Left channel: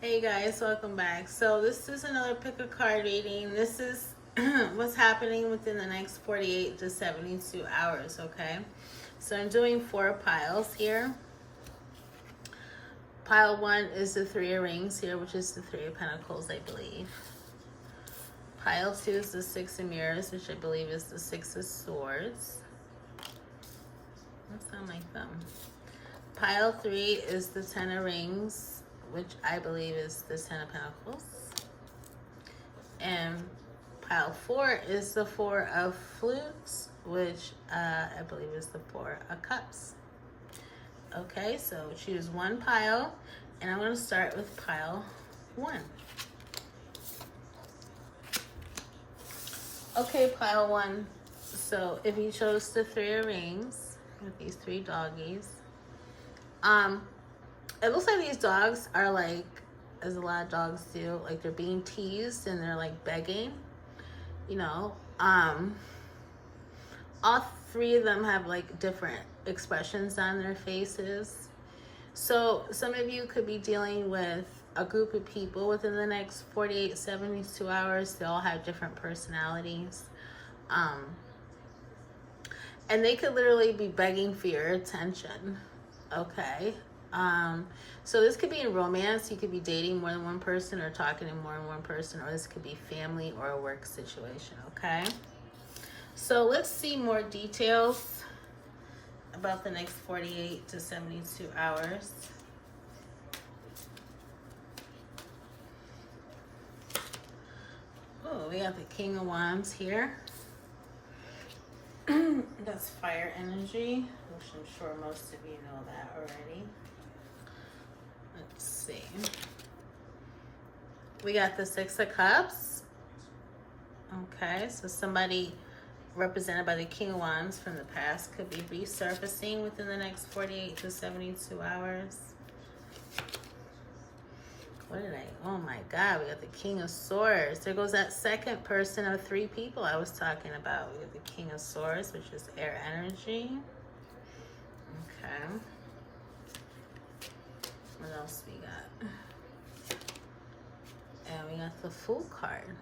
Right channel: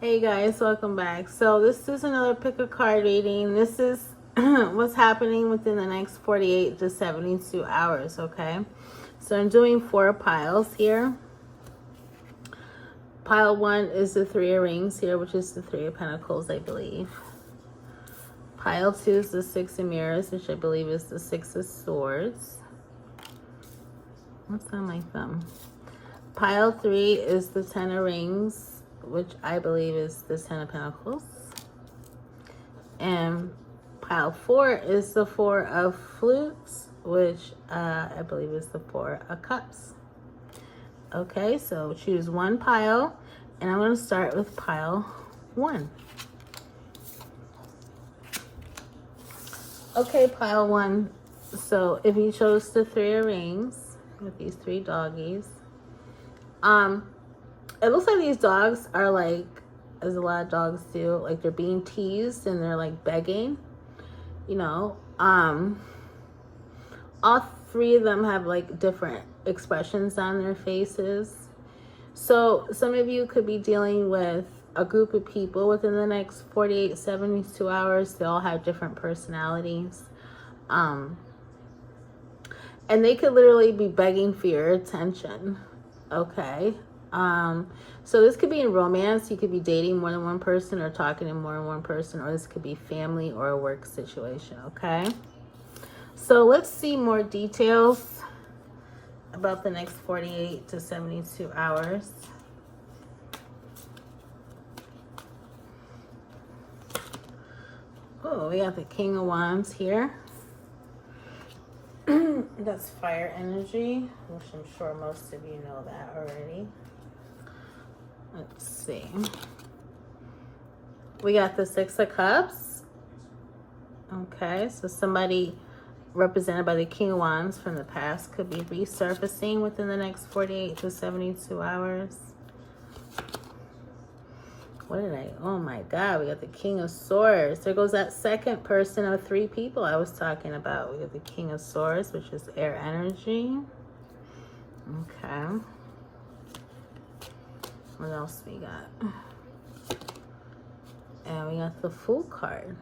Hey guys, welcome back. So this is another pick a card reading. This is what's happening within the next 48 to 72 hours, okay? So I'm doing 4 piles here. Pile 1 is the 3 of rings here, which is the 3 of pentacles, I believe. Pile 2 is the 6 of mirrors, which I believe is the 6 of swords. What's on my thumb? Pile 3 is the 10 of rings, which I believe is the 10 of pentacles. And pile 4 is the 4 of flutes, which I believe is the 4 of cups. Okay, so choose one pile, and I'm going to start with pile 1. Okay, pile 1. So if you chose the 3 of rings with these 3 doggies, it looks like these dogs are like, as a lot of dogs do, like they're being teased and they're like begging, you know. All 3 of them have like different expressions on their faces. So some of you could be dealing with a group of people within the next 48, 72 hours. They all have different personalities. And they could literally be begging for your attention. Okay. So this could be in romance. You could be dating more than one person or talking to more than one person, or this could be family or a work situation. Okay. So let's see more details about the next 48 to 72 hours. Oh, we got the King of Wands here. That's fire energy, which I'm sure most of you know that already. Let's see. We got the 6 of Cups. Okay, so somebody represented by the King of Wands from the past could be resurfacing within the next 48 to 72 hours. What did I, oh my God, we got the King of Swords. There goes that second person of 3 people I was talking about. We got the King of Swords, which is air energy. Okay. What else we got? And we got the Fool card.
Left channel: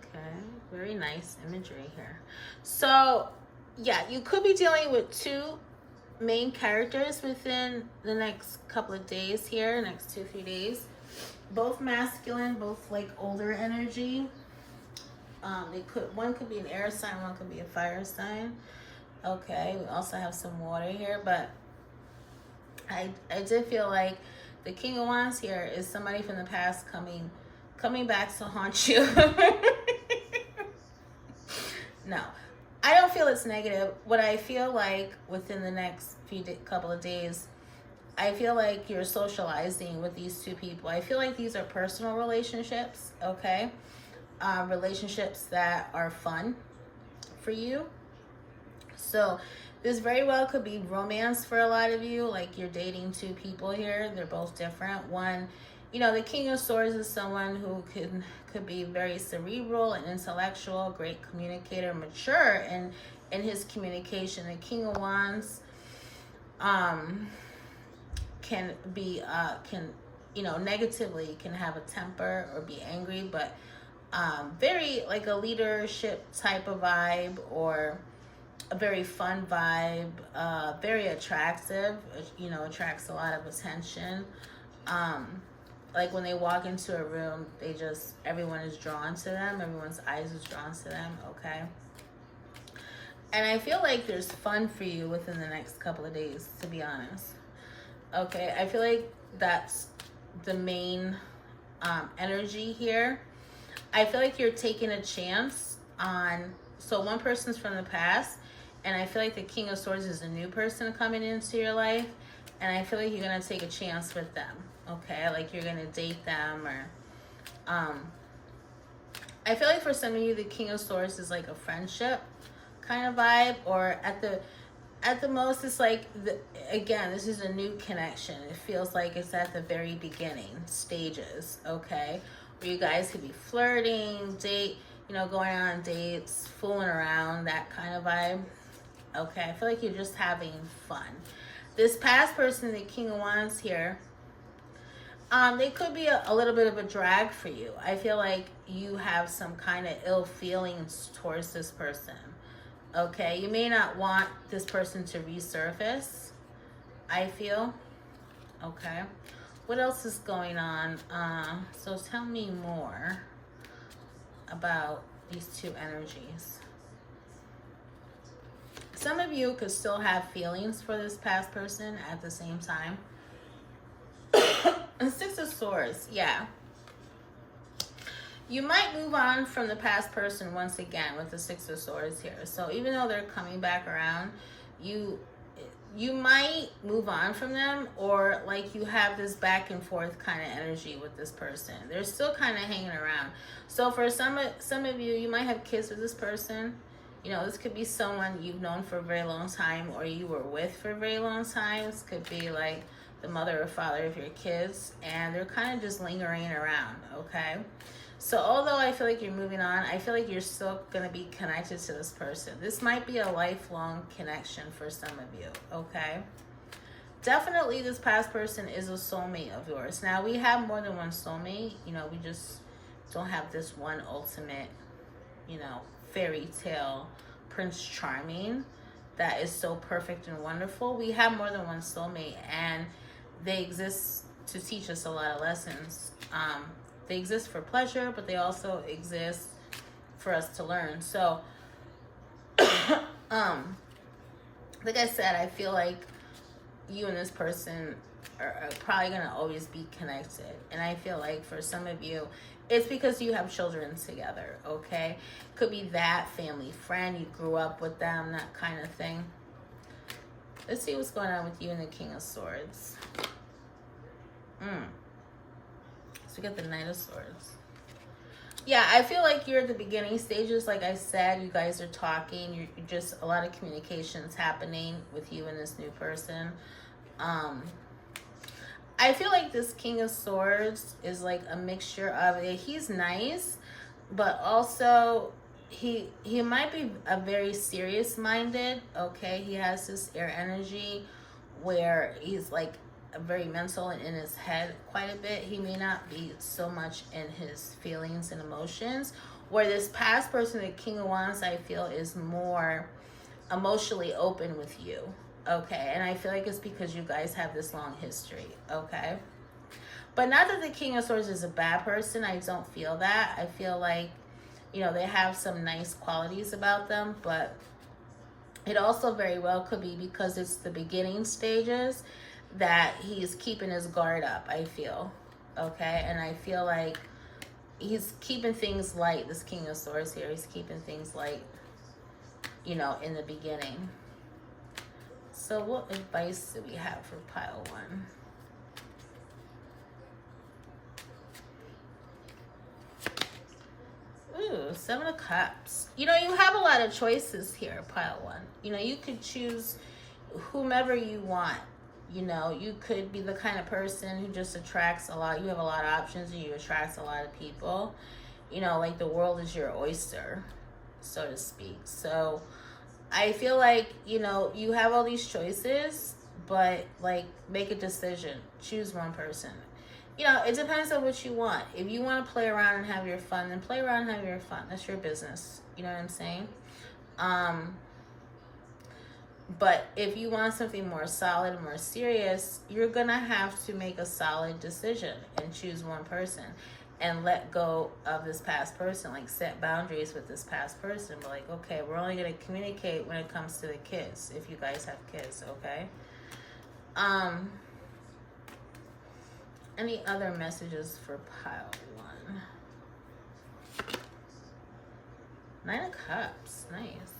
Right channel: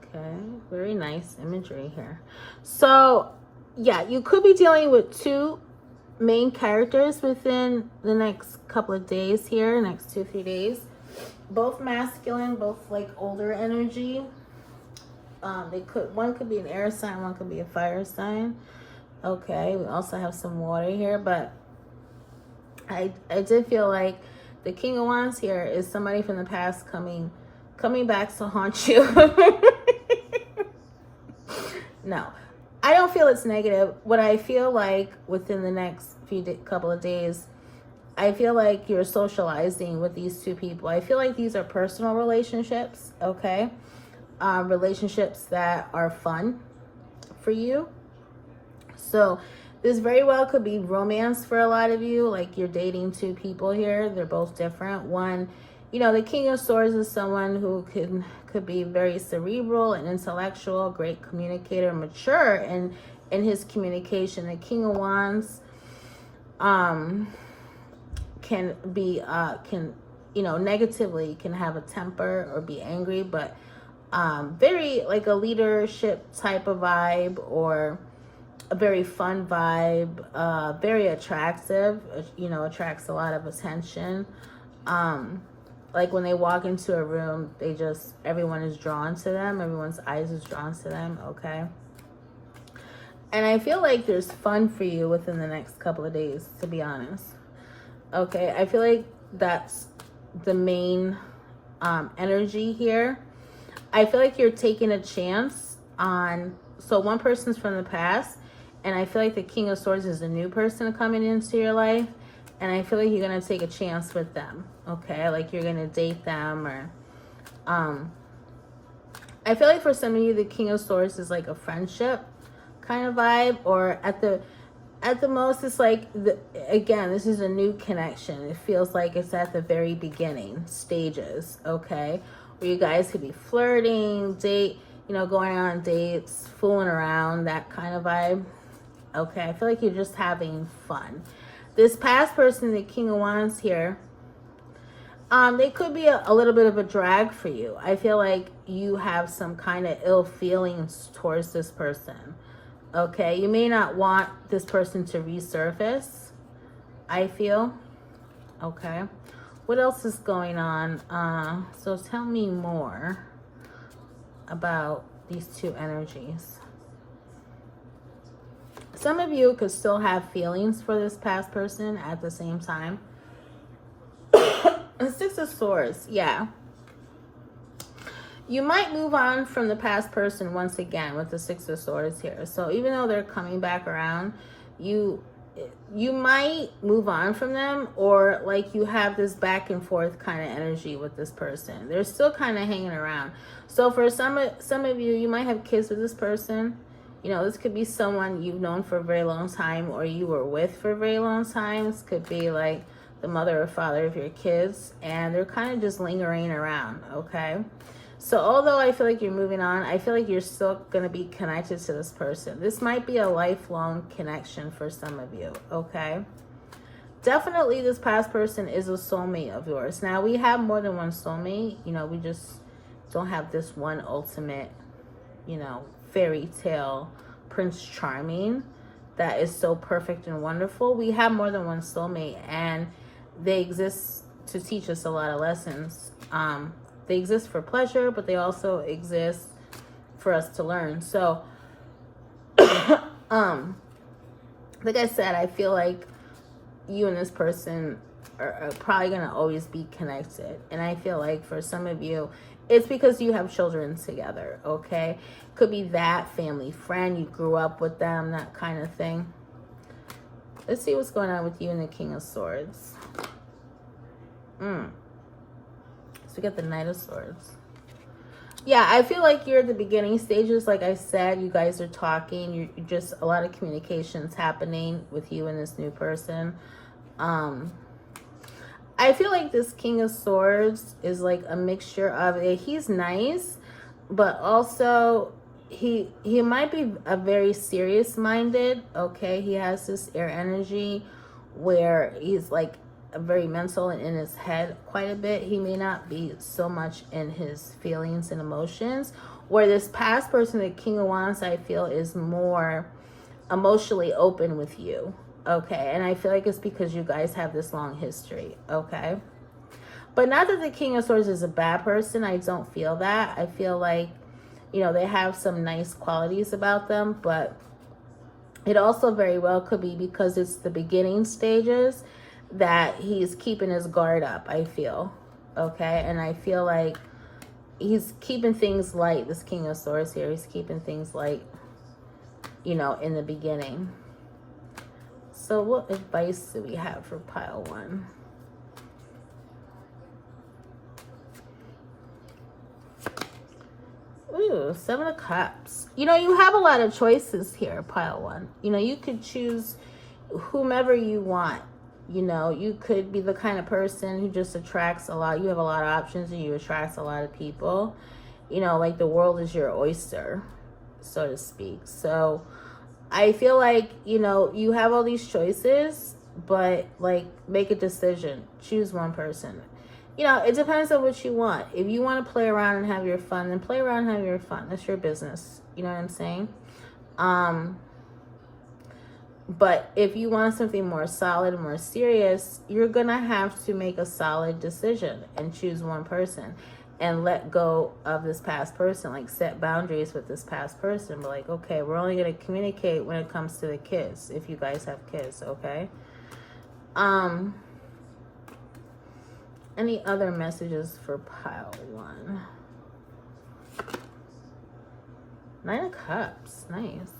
Okay, very nice imagery here. So, yeah, you could be dealing with 2 main characters within the next couple of days here, next 2-3 days. Both masculine, both like older energy. One could be an air sign, one could be a fire sign. Okay, we also have some water here, but I did feel like the King of Wands here is somebody from the past coming back to haunt you. No, I don't feel it's negative. What I feel like within the next couple of days, I feel like you're socializing with these 2 people. I feel like these are personal relationships, okay? Relationships that are fun for you. So this very well could be romance for a lot of you. Like you're dating 2 people here. They're both different. One, you know, the King of Swords is someone who could be very cerebral and intellectual, great communicator, mature in his communication. The King of Wands can be you know, negatively can have a temper or be angry, but very like a leadership type of vibe, or a very fun vibe, very attractive, you know, attracts a lot of attention. Like when they walk into a room, everyone is drawn to them. Everyone's eyes is drawn to them, okay? And I feel like there's fun for you within the next couple of days, to be honest. Okay, I feel like that's the main energy here. I feel like you're taking a chance on, so one person's from the past, and I feel like the King of Swords is a new person coming into your life, and I feel like you're going to take a chance with them, okay? Like you're going to date them, or I feel like for some of you, the King of Swords is like a friendship kind of vibe, or at the most, it's like, again, this is a new connection. It feels like it's at the very beginning stages, okay? Where you guys could be flirting, you know, going on dates, fooling around, that kind of vibe. Okay, I feel like you're just having fun. This past person, the King of Wands here, they could be a little bit of a drag for you. I feel like you have some kind of ill feelings towards this person. Okay, you may not want this person to resurface, I feel. Okay, what else is going on? So tell me more about these two energies. Some of you could still have feelings for this past person at the same time. And Six of Swords, yeah. You might move on from the past person once again with the Six of Swords here. So even though they're coming back around, you might move on from them, or like you have this back and forth kind of energy with this person. They're still kind of hanging around. So for some of you, you might have kids with this person. You know, this could be someone you've known for a very long time, or you were with for a very long time. This could be like the mother or father of your kids, and they're kind of just lingering around, okay? So although I feel like you're moving on, I feel like you're still going to be connected to this person. This might be a lifelong connection for some of you, okay? Definitely this past person is a soulmate of yours. Now, we have more than one soulmate. You know, we just don't have this one ultimate, you know, fairy tale Prince Charming that is so perfect and wonderful. We have more than one soulmate, and they exist to teach us a lot of lessons. They exist for pleasure, but they also exist for us to learn. So, like I said, I feel like you and this person are probably going to always be connected. And I feel like for some of you, it's because you have children together, okay? Could be that family friend, you grew up with them, that kind of thing. Let's see what's going on with you and the King of Swords. So we got the Knight of Swords. Yeah, I feel like you're at the beginning stages. Like I said, you guys are talking. You're just a lot of communications happening with you and this new person. I feel like this King of Swords is like a mixture of he's nice, but also he might be a very serious minded. Okay, he has this air energy where he's like very mental and in his head quite a bit. He may not be so much in his feelings and emotions, where this past person, the King of Wands, I feel is more emotionally open with you, okay? And I feel like it's because you guys have this long history, okay? But not that the King of Swords is a bad person. I don't feel that. I feel like, you know, they have some nice qualities about them, but it also very well could be because it's the beginning stages that he's keeping his guard up, I feel, okay? And I feel like he's keeping things light. This King of Swords here, he's keeping things light, you know, in the beginning. So what advice do we have for pile one? Ooh, Seven of Cups. You know, you have a lot of choices here, pile one. You know, you could choose whomever you want. You know, you could be the kind of person who just attracts a lot. You have a lot of options and you attract a lot of people. You know, like the world is your oyster, so to speak. So I feel like, you know, you have all these choices, but like make a decision. Choose one person. You know, it depends on what you want. If you want to play around and have your fun, then play around and have your fun. That's your business. You know what I'm saying? But if you want something more solid, more serious, you're going to have to make a solid decision and choose one person and let go of this past person. Like set boundaries with this past person. But like, okay, we're only going to communicate when it comes to the kids, if you guys have kids, okay? Any other messages for pile one? Nine of Cups. Nice.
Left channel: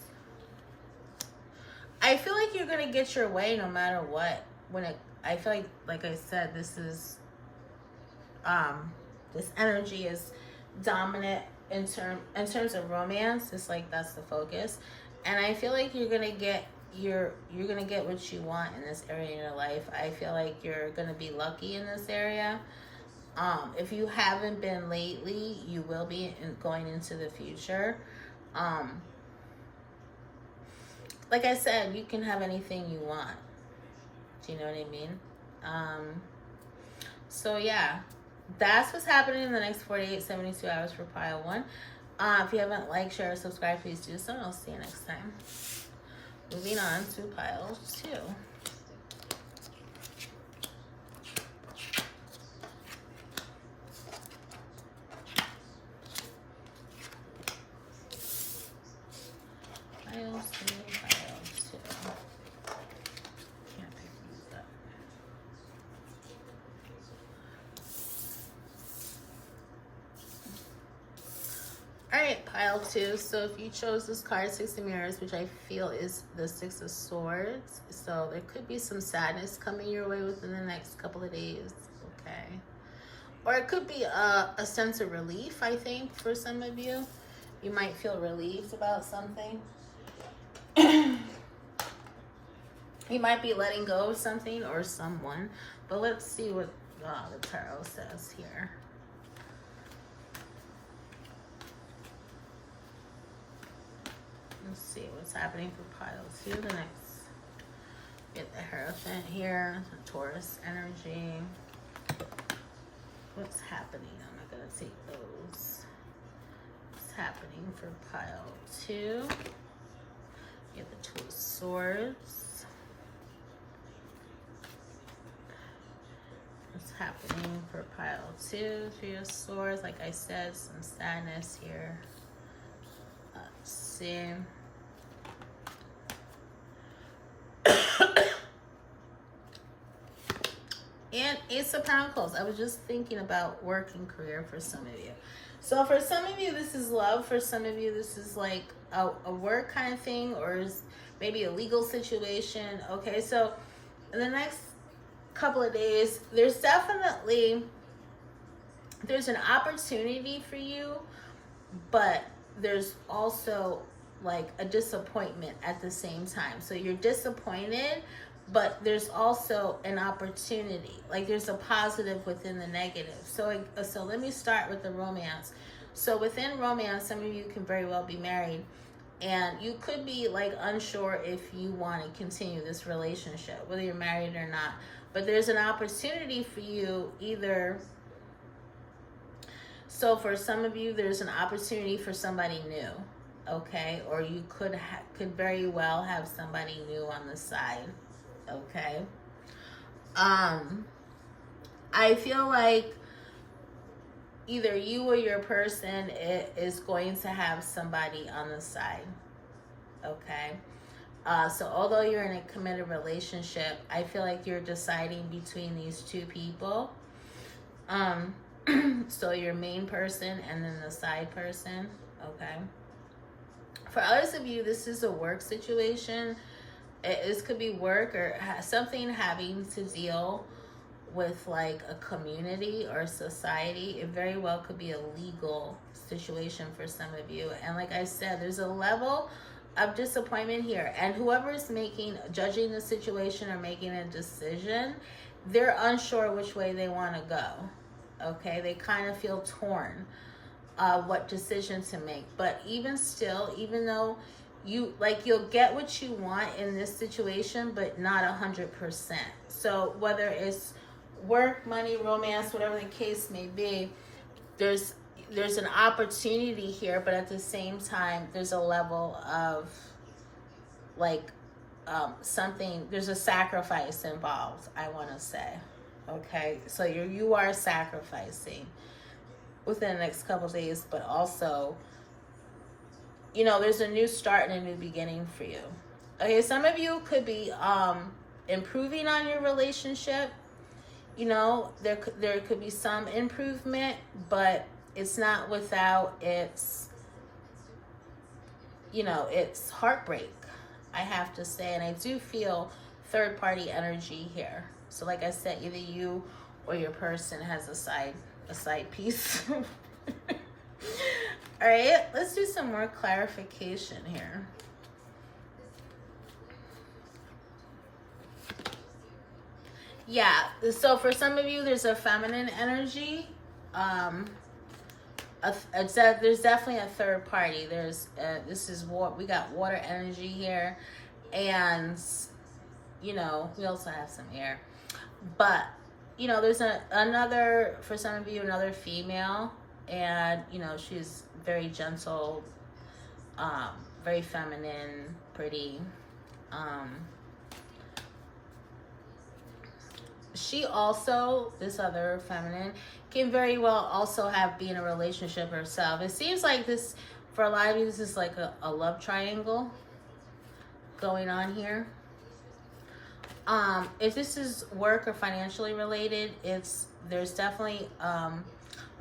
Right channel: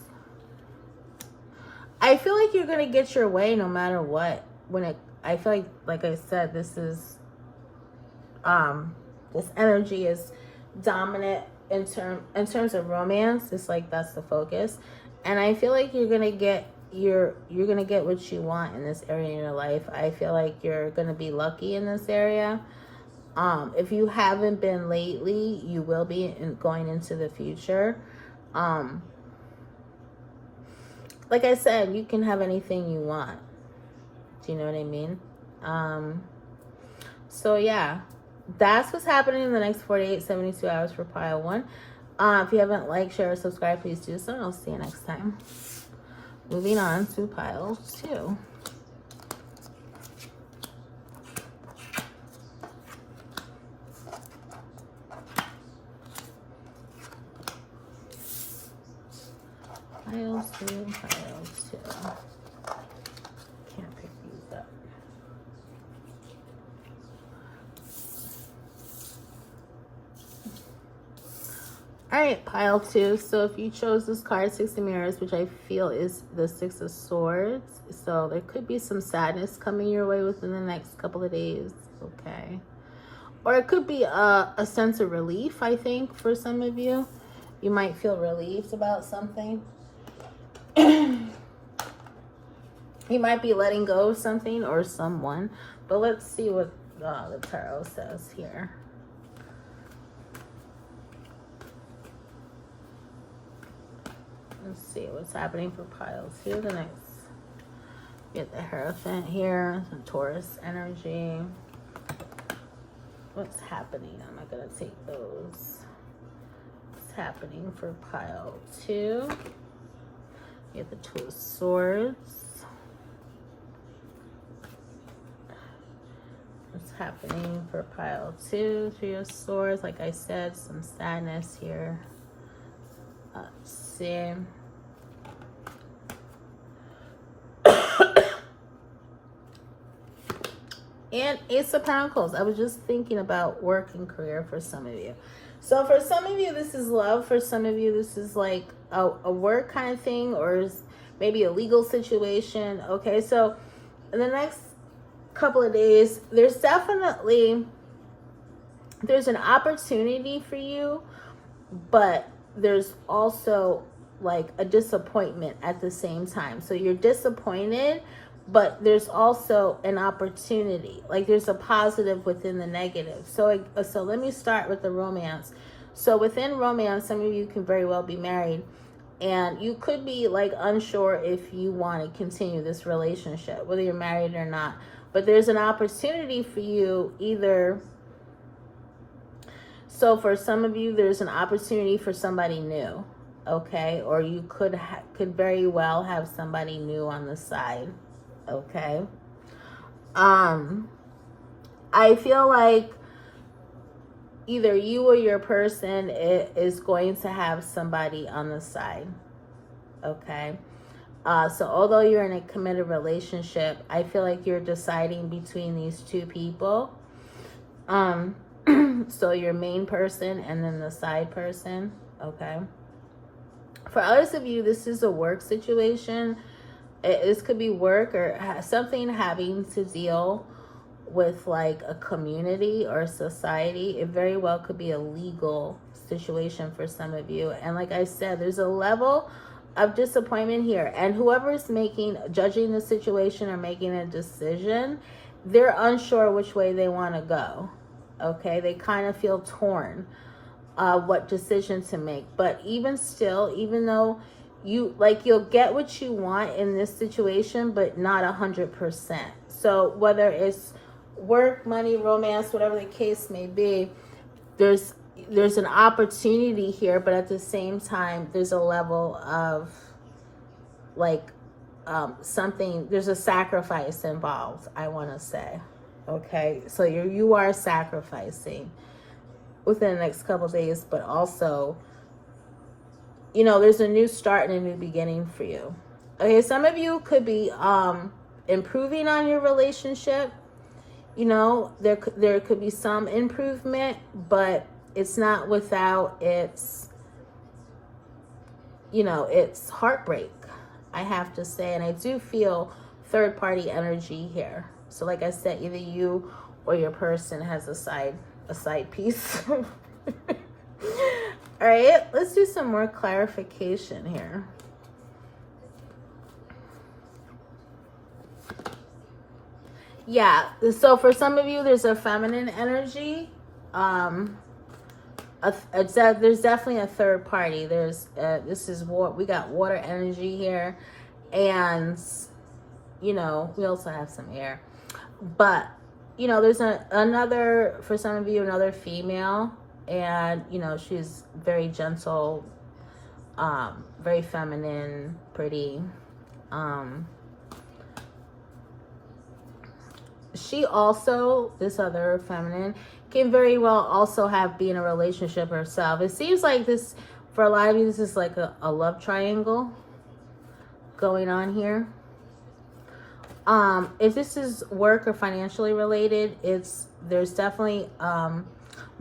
I feel like you're gonna get your way no matter what. I feel like I said, this is this energy is dominant in terms of romance. It's like that's the focus, and I feel like you're gonna get what you want in this area in your life. I feel like you're gonna be lucky in this area. If you haven't been lately, you will be going into the future. Like I said, you can have anything you want. Do you know what I mean? So yeah, that's what's happening in the next 48, 72 hours for pile 1. If you haven't liked, share, or subscribed, please do so. I'll see you next time. Moving on to pile 2. Pile 2, pile 2. Can't pick these up. All right, pile 2. So if you chose this card, 6 of Mirrors, which I feel is the 6 of Swords. So there could be some sadness coming your way within the next couple of days. Okay. Or it could be a sense of relief, I think, for some of you. You might feel relieved about something. You might be letting go of something or someone. But let's see what the tarot says here. Let's see what's happening for pile 2. The next, get the Hierophant here, some Taurus energy. What's happening? I'm not gonna take those. What's happening for pile 2? You have the 2 of Swords. What's happening for pile 2? 3 of Swords. Like I said, some sadness here. Let's see. And Ace of Pentacles. I was just thinking about work and career for some of you. So for some of you, this is love. For some of you, this is like a work kind of thing, or maybe a legal situation. Okay, so in the next couple of days, there's an opportunity for you, but there's also like a disappointment at the same time. So you're disappointed, but there's also an opportunity. Like there's a positive within the negative. So let me start with the romance. So within romance, some of you can very well be married, and you could be like unsure if you want to continue this relationship, whether you're married or not. But there's an opportunity for you either. So for some of you, there's an opportunity for somebody new, okay? Or you could very well have somebody new on the side, okay? I feel like either you or your person is going to have somebody on the side, okay? So although you're in a committed relationship, I feel like you're deciding between these two people. So your main person and then the side person, okay? For others of you, this is a work situation. This could be work or something having to deal with like a community or society. It very well could be a legal situation for some of you. And like I said, there's a level of disappointment here. And whoever's judging the situation or making a decision, they're unsure which way they want to go. Okay, they kind of feel torn what decision to make. But even still, even though you'll get what you want in this situation, but not 100%. So whether it's work, money, romance, whatever the case may be, there's an opportunity here, but at the same time, there's a level of like something, there's a sacrifice involved, I want to say. Okay, so you are sacrificing within the next couple of days, but also, there's a new start and a new beginning for you. Okay, some of you could be improving on your relationship. There could be some improvement, but it's not without its heartbreak, I have to say. And I do feel third party energy here. So like I said, either you or your person has a side piece. All right, let's do some more clarification here. Yeah, so for some of you, there's a feminine energy. There's definitely a third party. We got water energy here, and you know, we also have some air. But, you know, there's another, for some of you, another female, and, you know, she's very gentle, very feminine, pretty. She also, this other feminine, can very well also be in a relationship herself. It seems like this, for a lot of you, this is like a love triangle going on here. If this is work or financially related, there's definitely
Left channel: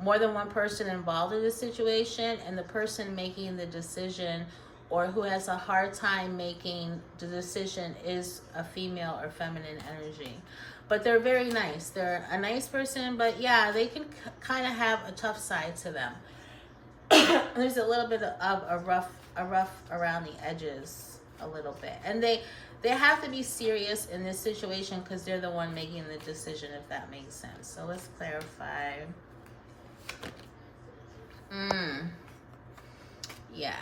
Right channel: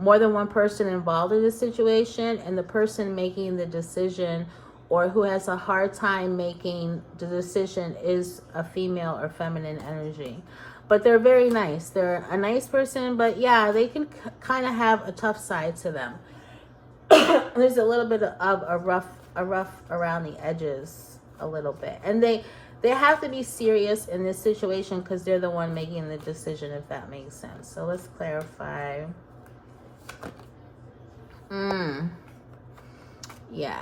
more than one person involved in this situation, and the person making the decision or who has a hard time making the decision is a female or feminine energy. But they're very nice. They're a nice person, but yeah, they can kind of have a tough side to them. There's a little bit of a rough around the edges, a little bit. And they have to be serious in this situation because they're the one making the decision, if that makes sense. So let's clarify. Yeah.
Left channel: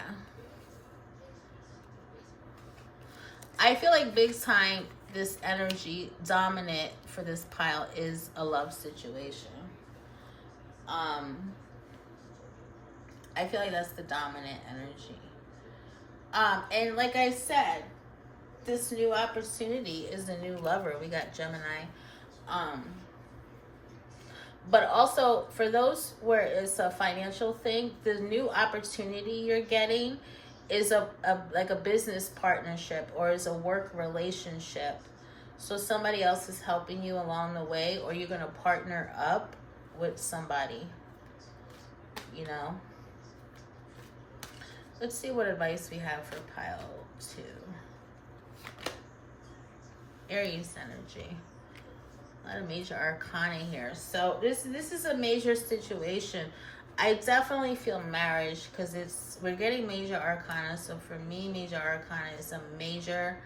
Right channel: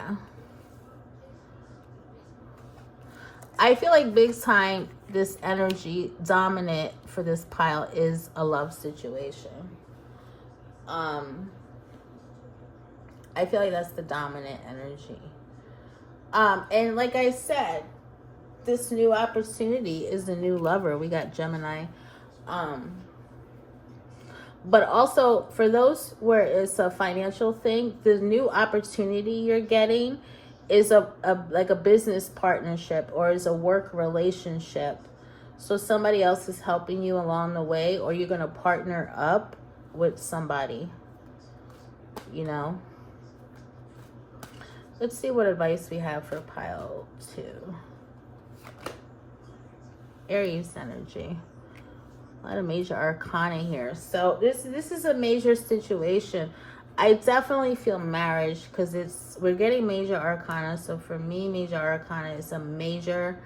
I feel like big time this energy dominant for this pile is a love situation. I feel like that's the dominant energy. And like I said, this new opportunity is the new lover. We got Gemini. But also for those where it's a financial thing, the new opportunity you're getting is like a business partnership or is a work relationship. So somebody else is helping you along the way, or you're going to partner up with somebody, you know. Let's see what advice we have for pile 2. Aries energy. A lot of major arcana here. So this is a major situation. I definitely feel marriage because we're getting major arcana. So for me, major arcana is a major,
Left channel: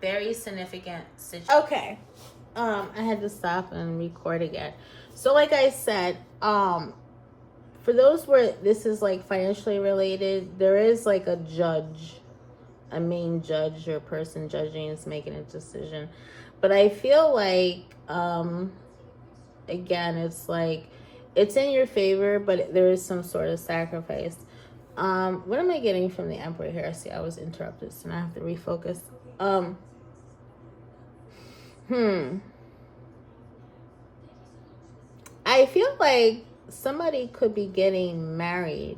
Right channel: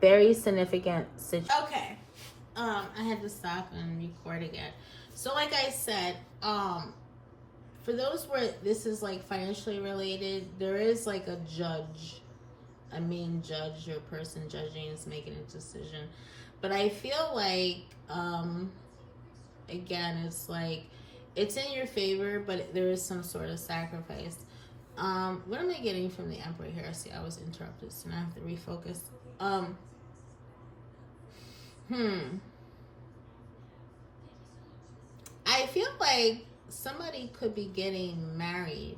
very significant situation. Okay. I had to stop and record again. So like I said, for those where this is like financially related, there is like a judge, a main judge or person judging is making a decision. But I feel like, again, it's like, it's in your favor, but there is some sort of sacrifice. What am I getting from the Emperor here? See, I was interrupted, so now I have to refocus. I feel like somebody could be getting married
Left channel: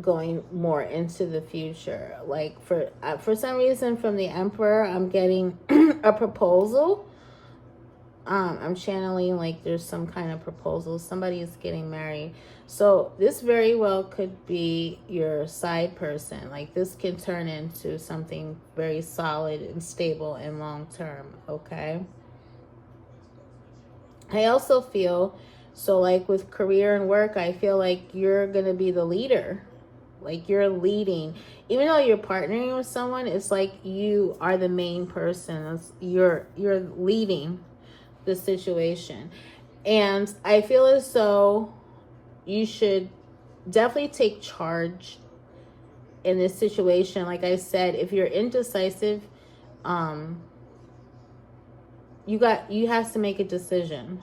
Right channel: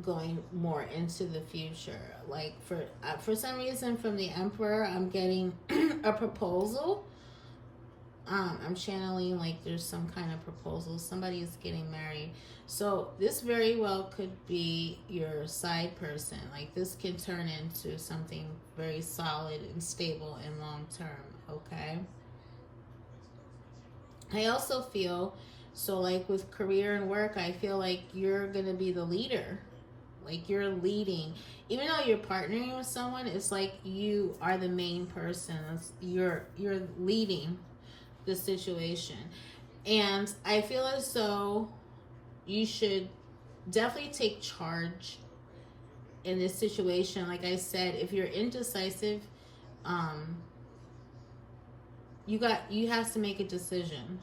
going more into the future. Like for some reason from the Emperor, I'm getting a proposal. I'm channeling like there's some kind of proposal. Somebody is getting married. So this very well could be your side person. Like this can turn into something very solid and stable and long term. Okay. I also feel, so like with career and work, I feel like you're going to be the leader. Like you're leading. Even though you're partnering with someone, it's like you are the main person. You're leading the situation. And I feel as though you should definitely take charge in this situation. Like I said, if you're indecisive, you have to make a decision.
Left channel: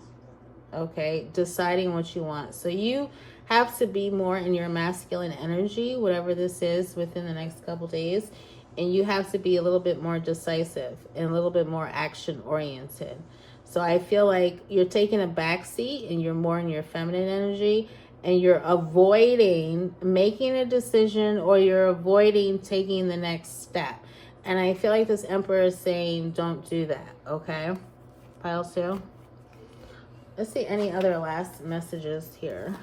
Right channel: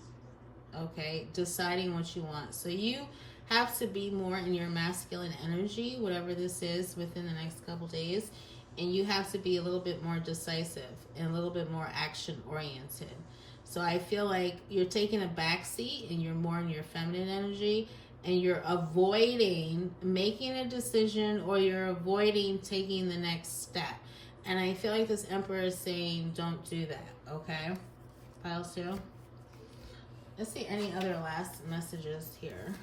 Okay, deciding what you want. So you have to be more in your masculine energy, whatever this is, within the next couple days, and you have to be a little bit more decisive and a little bit more action oriented. So I feel like you're taking a back seat and you're more in your feminine energy, and you're avoiding making a decision, or you're avoiding taking the next step. And I feel like this Emperor is saying don't do that. Okay, pile 2. Let's see any other last messages here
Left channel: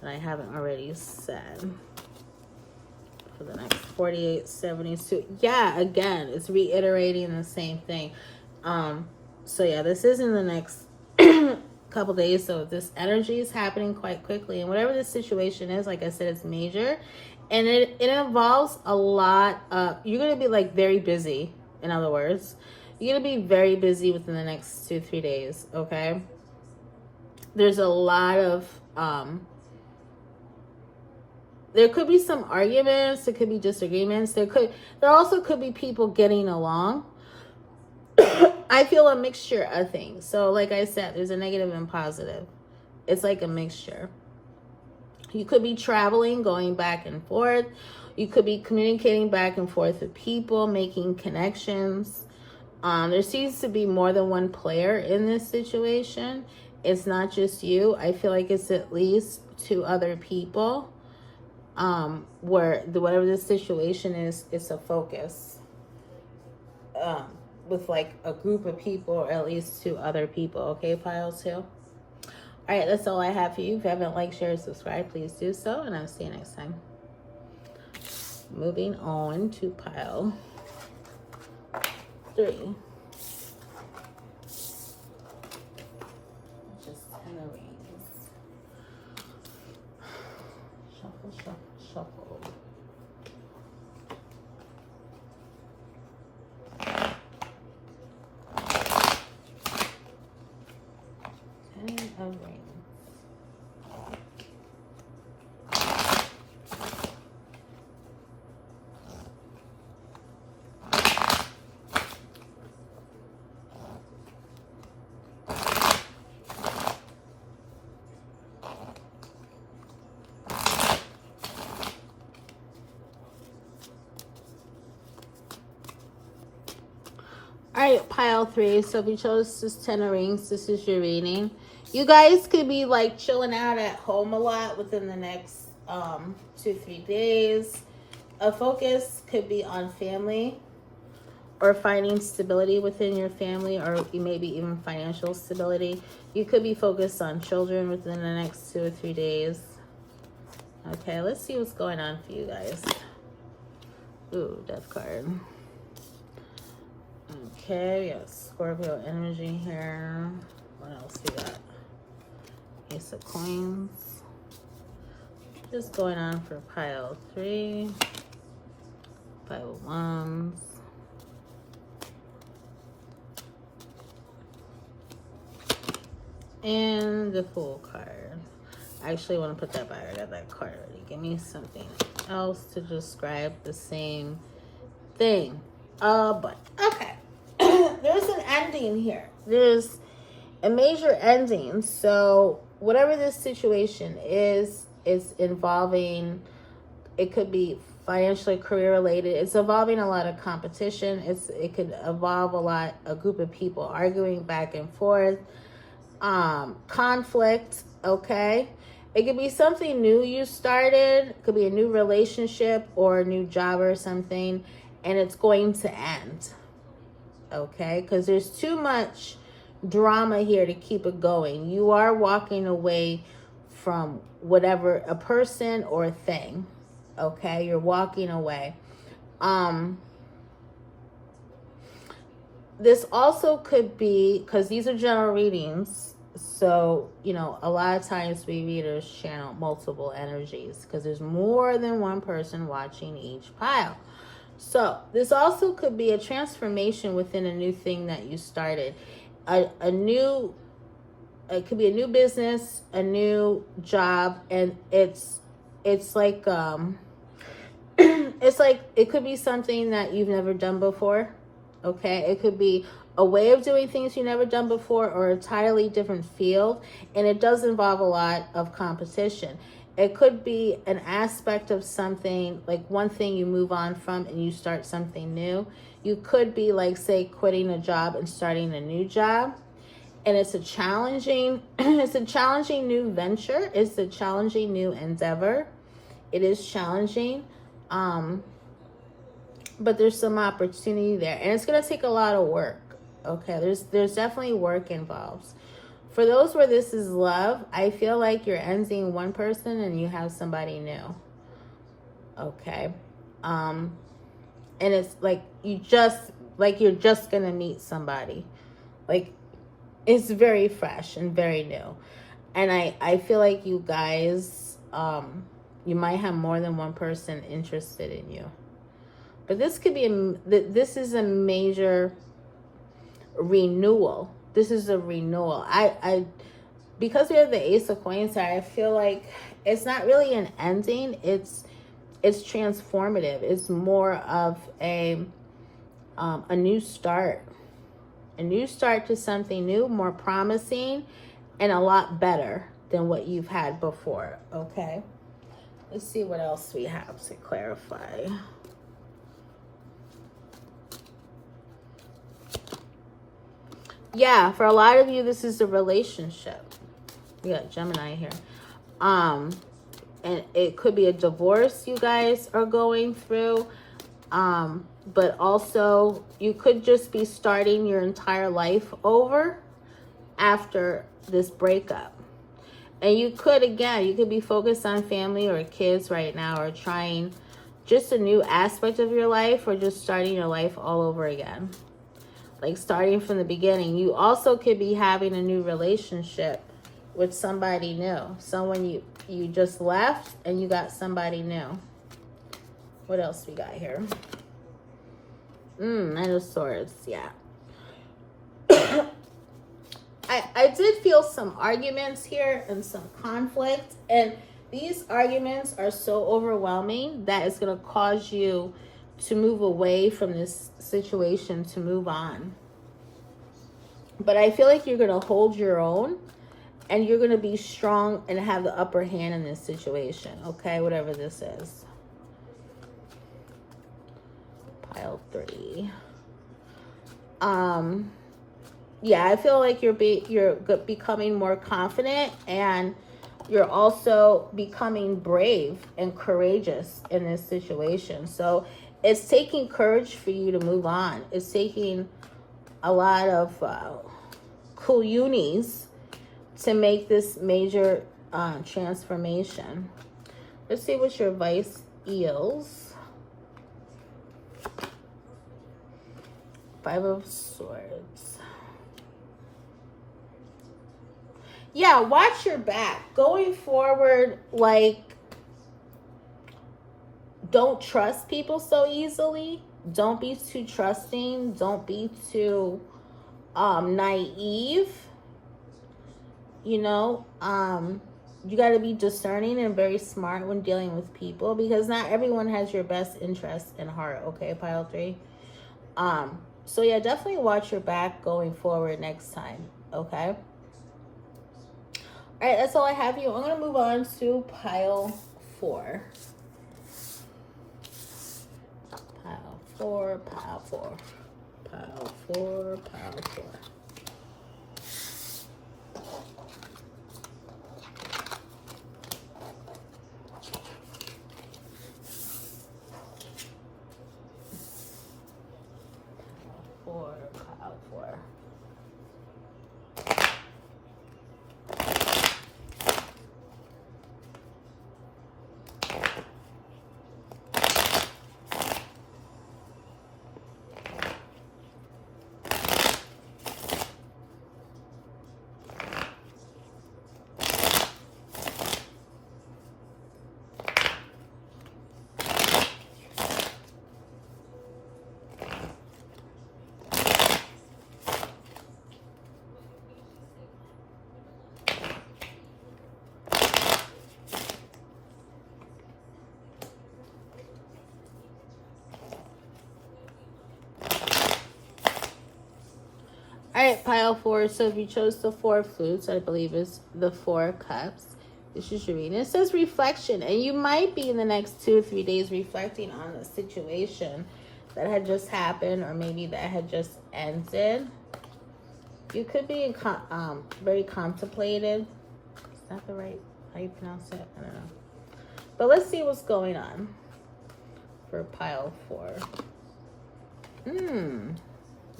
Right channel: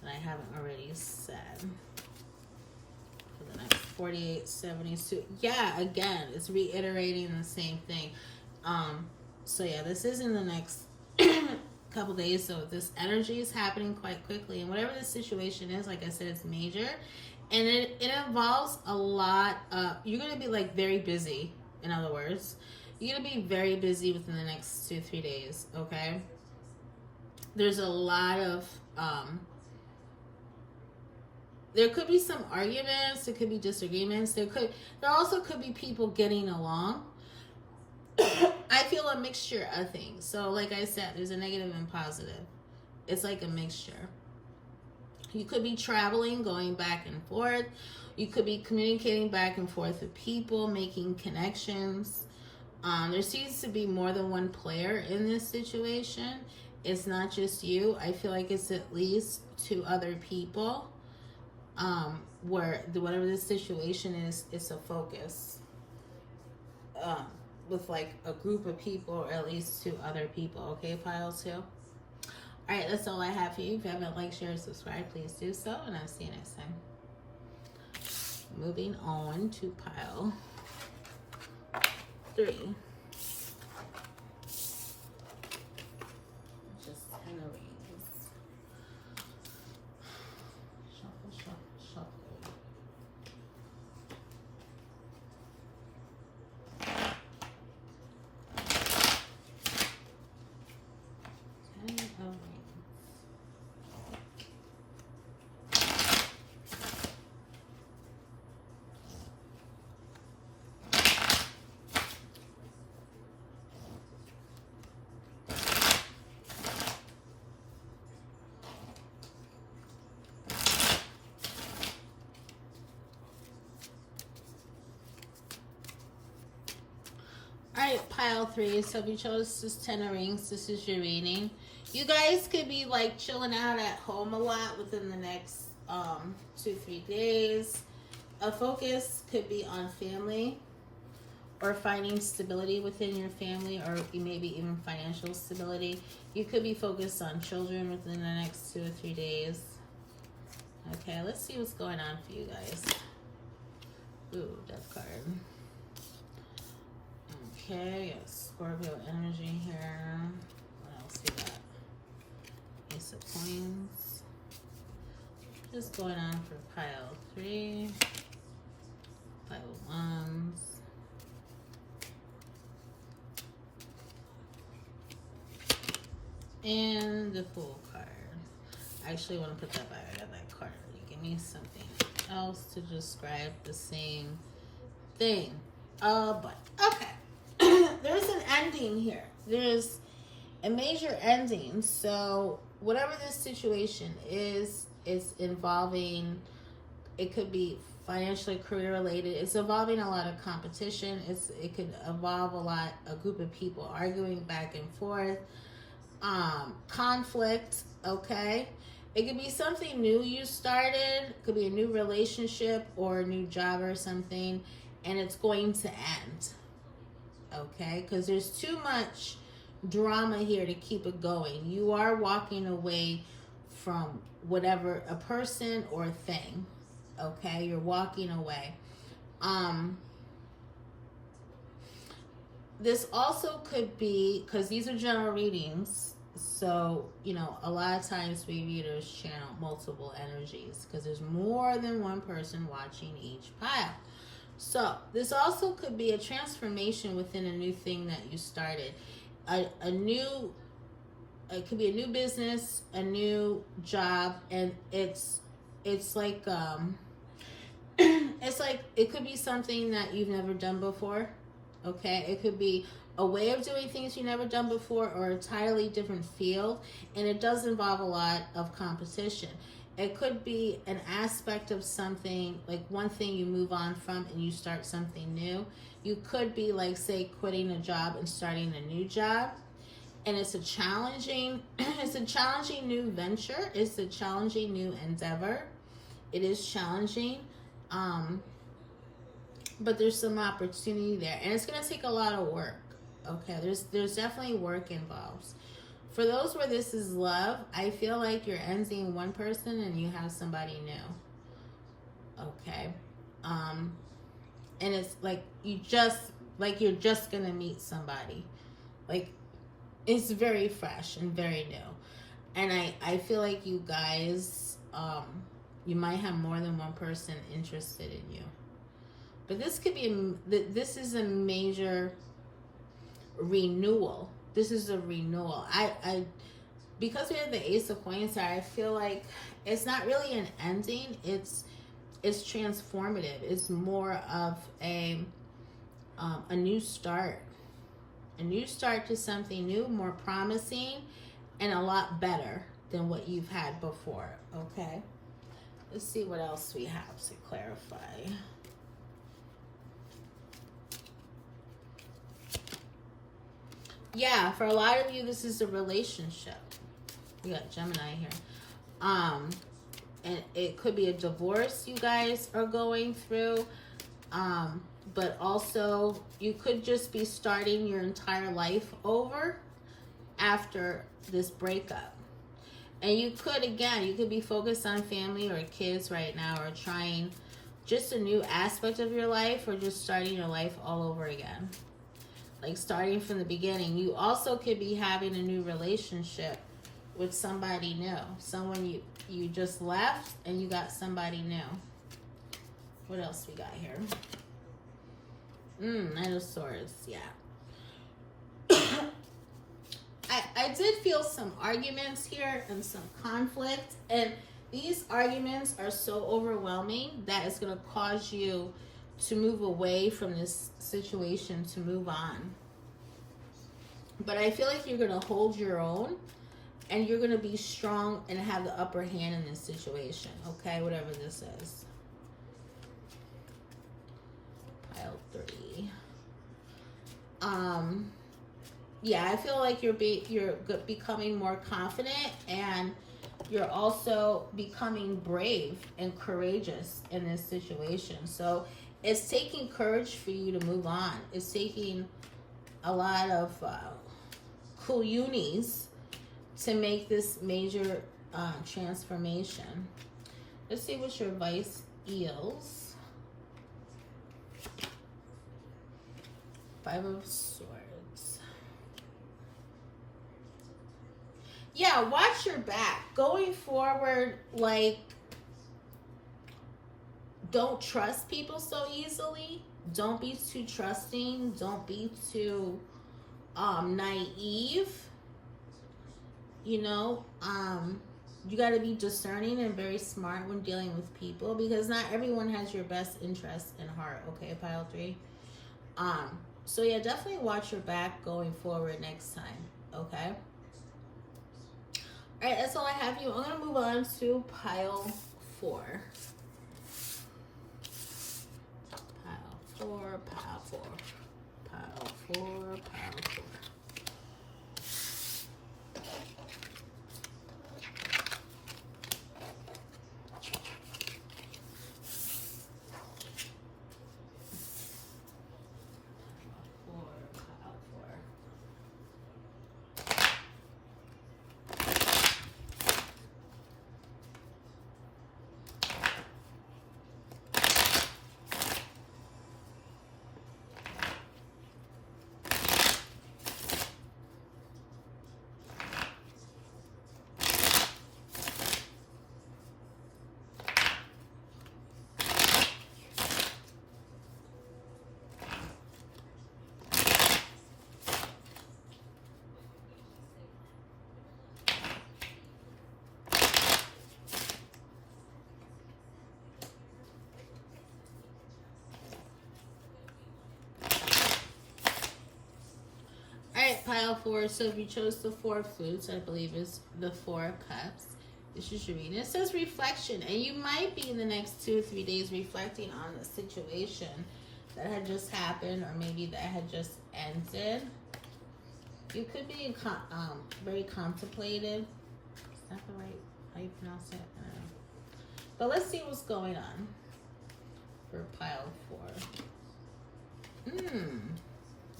that I haven't already said for the next 48, 72. Yeah, again, it's reiterating the same thing. So yeah, this is in the next couple days. So this energy is happening quite quickly. And whatever this situation is, like I said, it's major. And it involves a lot of, you're going to be like very busy, in other words. You're going to be very busy within the next 2-3 days, okay? There's a lot of there could be some arguments, there could be disagreements, there also could be people getting along. I feel a mixture of things. So like I said, there's a negative and positive. It's like a mixture. You could be traveling, going back and forth. You could be communicating back and forth with people, making connections. There seems to be more than one player in this situation. It's not just you. I feel like it's at least 2 other people. Where whatever the situation is, it's a focus. With like a group of people, or at least 2 other people. Okay, pile 2. All right, that's all I have for you. If you haven't liked, shared, subscribed, please do so, and I'll see you next time. Moving on to pile 3. Just 10 of rings. Shuffle, shuffle, shuffle. Of rings. Alright, pile 3. So if you chose this 10 of rings, this is your reading. You guys could be like chilling out at home a lot within the next 2-3 days. A focus could be on family, or finding stability within your family, or maybe even financial stability. You could be focused on children within the next 2 or 3 days. Okay, let's see what's going on for you guys. Ooh, Death card. Okay, yes, Scorpio energy here. What else we got? Ace of Coins. Just going on for pile 3. Pile of Wands. And the Fool card. I actually want to put that back. I got that card already. Give me something else to describe the same thing. But okay. There's an ending here. There's a major ending. So whatever this situation is involving, it could be financially, career related. It's involving a lot of competition. It could involve a group of people arguing back and forth, conflict. Okay, it could be something new you started. It could be a new relationship or a new job or something, and it's going to end. Okay, because there's too much drama here to keep it going. You are walking away from whatever, a person or a thing. Okay, you're walking away. This also could be, because these are general readings, so a lot of times we readers channel multiple energies because there's more than one person watching each pile. So this also could be a transformation within a new thing that you started. It could be a new business, a new job, and it's like it's like it could be something that you've never done before. Okay, it could be a way of doing things you've never done before, or a entirely different field, and it does involve a lot of competition. It could be an aspect of something, like one thing you move on from and you start something new. You could be like, say, quitting a job and starting a new job. And it's a challenging, it's a challenging new venture. It's a challenging new endeavor. It is challenging. But there's some opportunity there. And it's going to take a lot of work. Okay, there's definitely work involved. For those where this is love, I feel like you're ending one person and you have somebody new. Okay. And it's like you're just gonna meet somebody. Like, it's very fresh and very new. And I feel like you guys, you might have more than one person interested in you. But this could be this is a major renewal. This is a renewal. because we have the Ace of Coins here, I feel like it's not really an ending. It's transformative. It's more of a new start. A new start to something new, more promising, and a lot better than what you've had before, okay? Let's see what else we have to clarify. Yeah, for a lot of you, this is a relationship. We got Gemini here. And it could be a divorce you guys are going through. But also you could just be starting your entire life over after this breakup. And you could, again, you could be focused on family or kids right now, or trying just a new aspect of your life, or just starting your life all over again. Like starting from the beginning. You also could be having a new relationship with somebody new. Someone you just left and you got somebody new. What else we got here? Nine of Swords, yeah. I did feel some arguments here and some conflict, and these arguments are so overwhelming that it's going to cause you to move away from this situation, to move on. But I feel like you're going to hold your own, and you're going to be strong and have the upper hand in this situation, okay? Whatever this is. Pile 3. Yeah, I feel like you're becoming more confident, and you're also becoming brave and courageous in this situation. So it's taking courage for you to move on. It's taking a lot of cool unis to make this major transformation. Let's see what your advice is. 5 of Swords. Yeah, watch your back. Going forward, like, don't trust people so easily. Don't be too trusting. Don't be too naive. You know, you got to be discerning and very smart when dealing with people, because not everyone has your best interest in heart, okay, Pile 3? So yeah, definitely watch your back going forward next time, okay? All right, that's all I have you. I'm going to move on to Pile 4. Pile 4, Pile 4, Pile 4, Pile 4. All right, Pile 4. So if you chose the 4 flutes, I believe is the 4 cups. This is your reading. It says reflection, and you might be in the next 2 or 3 days reflecting on the situation that had just happened, or maybe that had just ended. You could be very contemplative. Is that the right, how you pronounce it? I don't know. But let's see what's going on for Pile 4.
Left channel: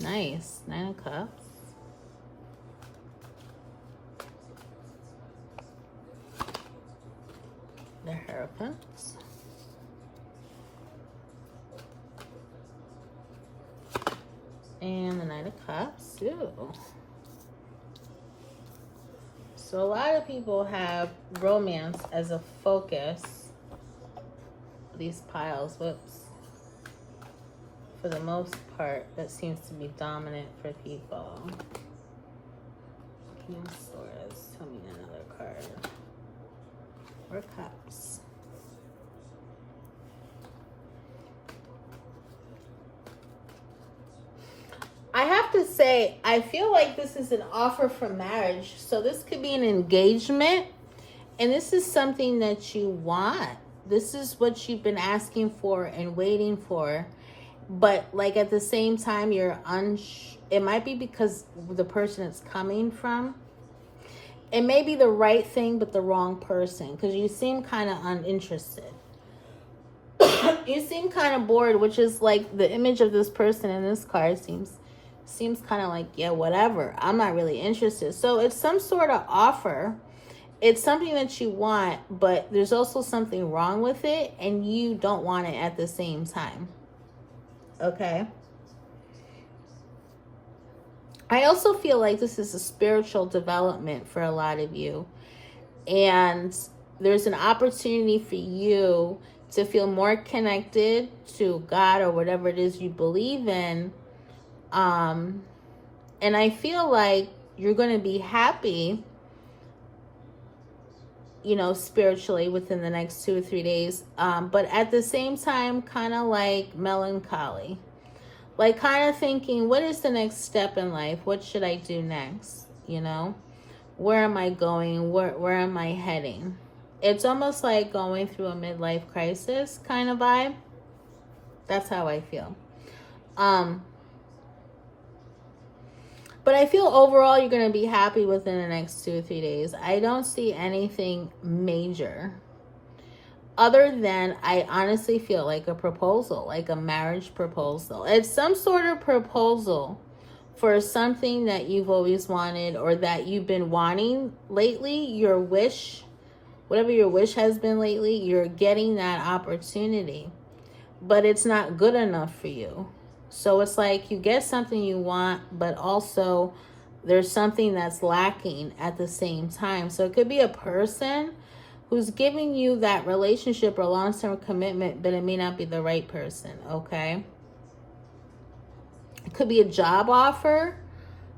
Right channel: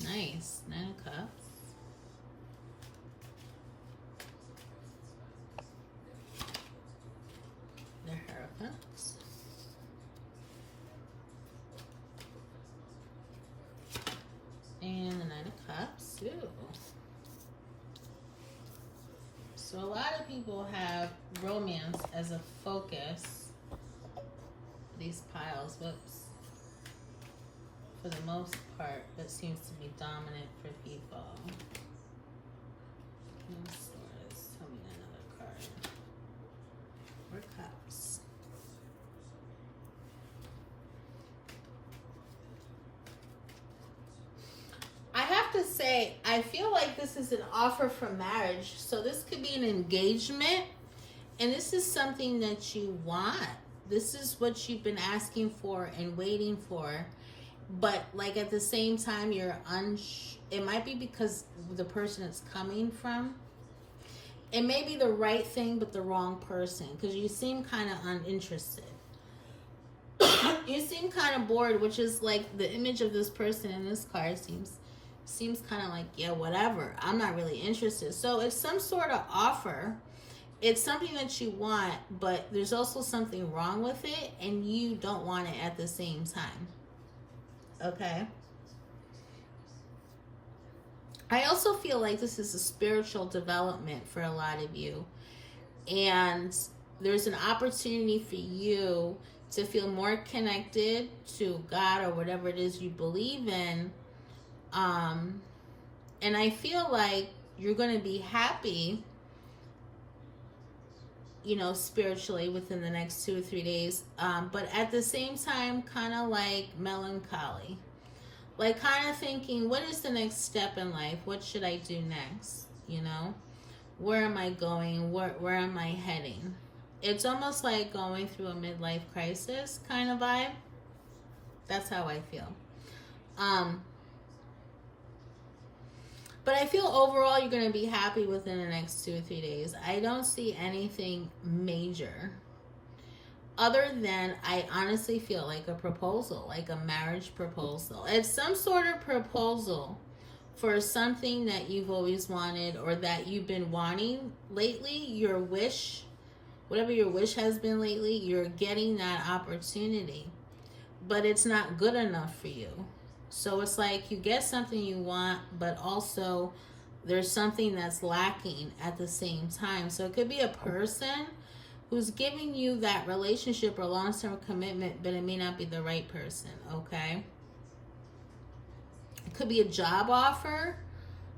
Nice. 9 of Cups. The Hierophant. And the 9 of Cups. Ooh. So a lot of people have romance as a focus. These piles, whoops. For the most part, that seems to be dominant for people. Tell me Four Cups. I have to say, I feel like this is an offer for marriage. So this could be an engagement. And this is something that you want. This is what you've been asking for and waiting for. But like at the same time, it might be because the person it's coming from. It may be the right thing, but the wrong person. Because you seem kind of uninterested. You seem kind of bored, which is like the image of this person in this card seems kind of like, yeah, whatever. I'm not really interested. So it's some sort of offer. It's something that you want, but there's also something wrong with it, and you don't want it at the same time. Okay? I also feel like this is a spiritual development for a lot of you. And there's an opportunity for you to feel more connected to God or whatever it is you believe in. And I feel like you're going to be happy, spiritually within the next 2 or 3 days. But at the same time, kind of like melancholy. Like kind of thinking, what is the next step in life? What should I do next? Where am I going? Where am I heading? It's almost like going through a midlife crisis kind of vibe. That's how I feel. But I feel overall you're going to be happy within the next 2 or 3 days. I don't see anything major. Other than I honestly feel like a proposal, like a marriage proposal. It's some sort of proposal for something that you've always wanted or that you've been wanting lately. Your wish, whatever your wish has been lately, you're getting that opportunity. But it's not good enough for you. So it's like you get something you want, but also there's something that's lacking at the same time. So it could be a person who's giving you that relationship or long-term commitment, but it may not be the right person, okay? It could be a job offer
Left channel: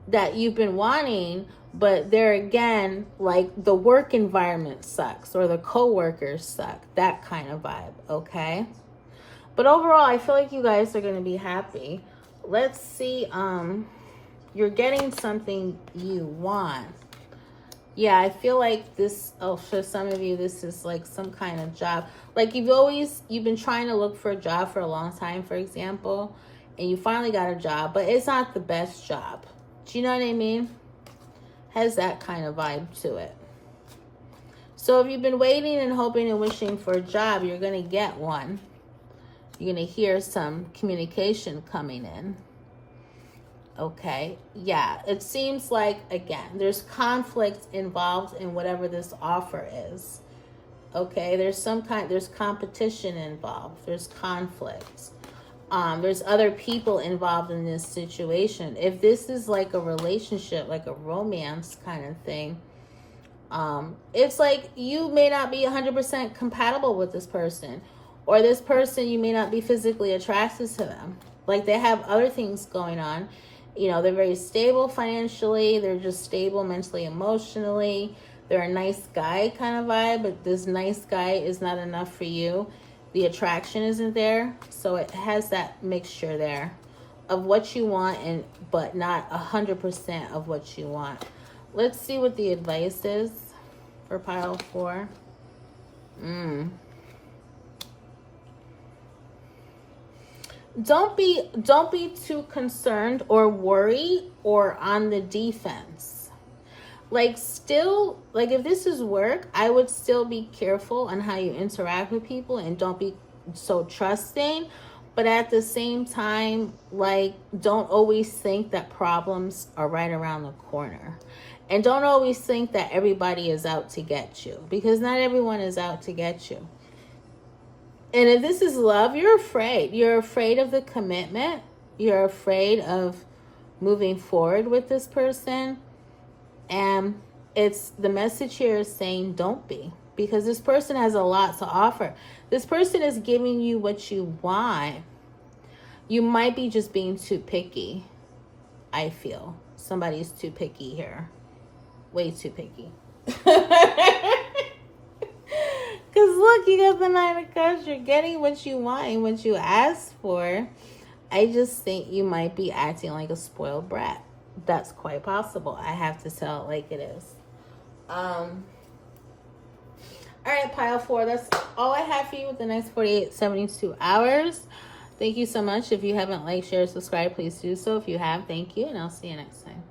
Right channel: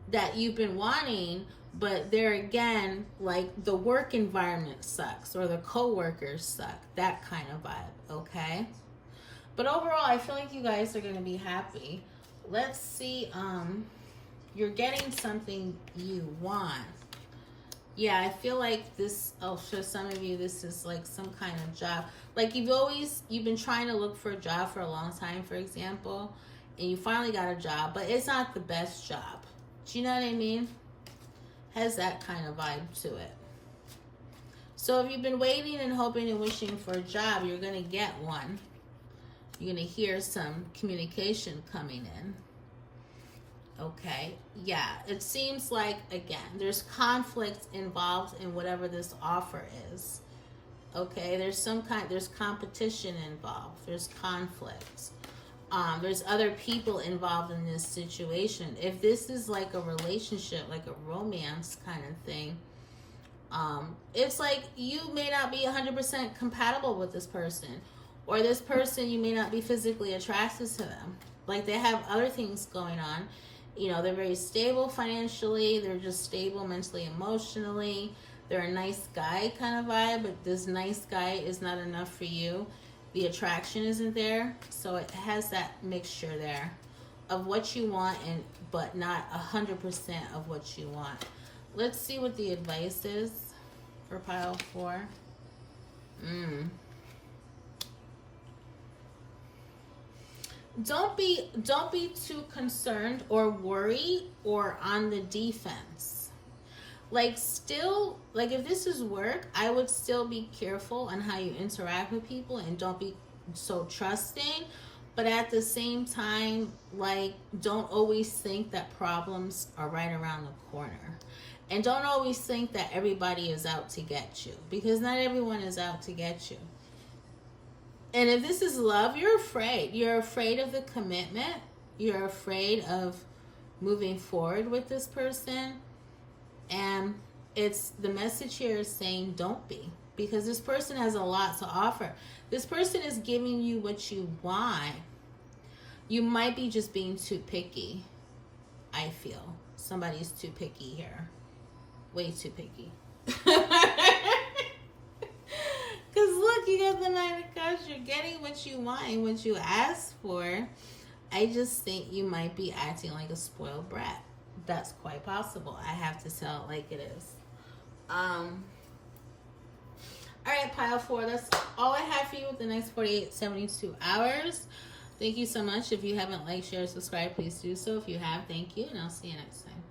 that you've been wanting, but there again, like the work environment sucks or the coworkers suck, that kind of vibe, okay? But overall, I feel like you guys are going to be happy. Let's see, you're getting something you want. Yeah, I feel like this, for some of you, this is like some kind of job. Like you've been trying to look for a job for a long time, for example, and you finally got a job, but it's not the best job. Do you know what I mean? Has that kind of vibe to it. So if you've been waiting and hoping and wishing for a job, you're going to get one. You're going to hear some communication coming in. Okay, yeah, it seems like, again, there's conflict involved in whatever this offer is. Okay, there's competition involved. There's conflict. There's other people involved in this situation. If this is like a relationship, like a romance kind of thing, it's like you may not be 100% compatible with this person. Or this person, you may not be physically attracted to them. Like they have other things going on. They're very stable financially. They're just stable mentally, emotionally. They're a nice guy kind of vibe, but this nice guy is not enough for you. The attraction isn't there. So it has that mixture there of what you want, but not 100% of what you want. Let's see what the advice is for pile 4. Don't be too concerned or worried or on the defense. Like if this is work, I would still be careful on how you interact with people and don't be so trusting. But at the same time, like don't always think that problems are right around the corner. And don't always think that everybody is out to get you, because not everyone is out to get you. And if this is love, you're afraid. You're afraid of the commitment. You're afraid of moving forward with this person. And the message here is saying don't be. Because this person has a lot to offer. This person is giving you what you want. You might be just being too picky, I feel. Somebody's too picky here. Way too picky. look, you got the Nine of Cups. You're getting what you want and what you asked for. I just think you might be acting like a spoiled brat. That's quite possible. I have to tell it like it is. All right, pile 4. That's all I have for you with the next 48, 72 hours. Thank you so much. If you haven't liked, share, subscribe, please do so. If you have, thank you, and I'll see you next time.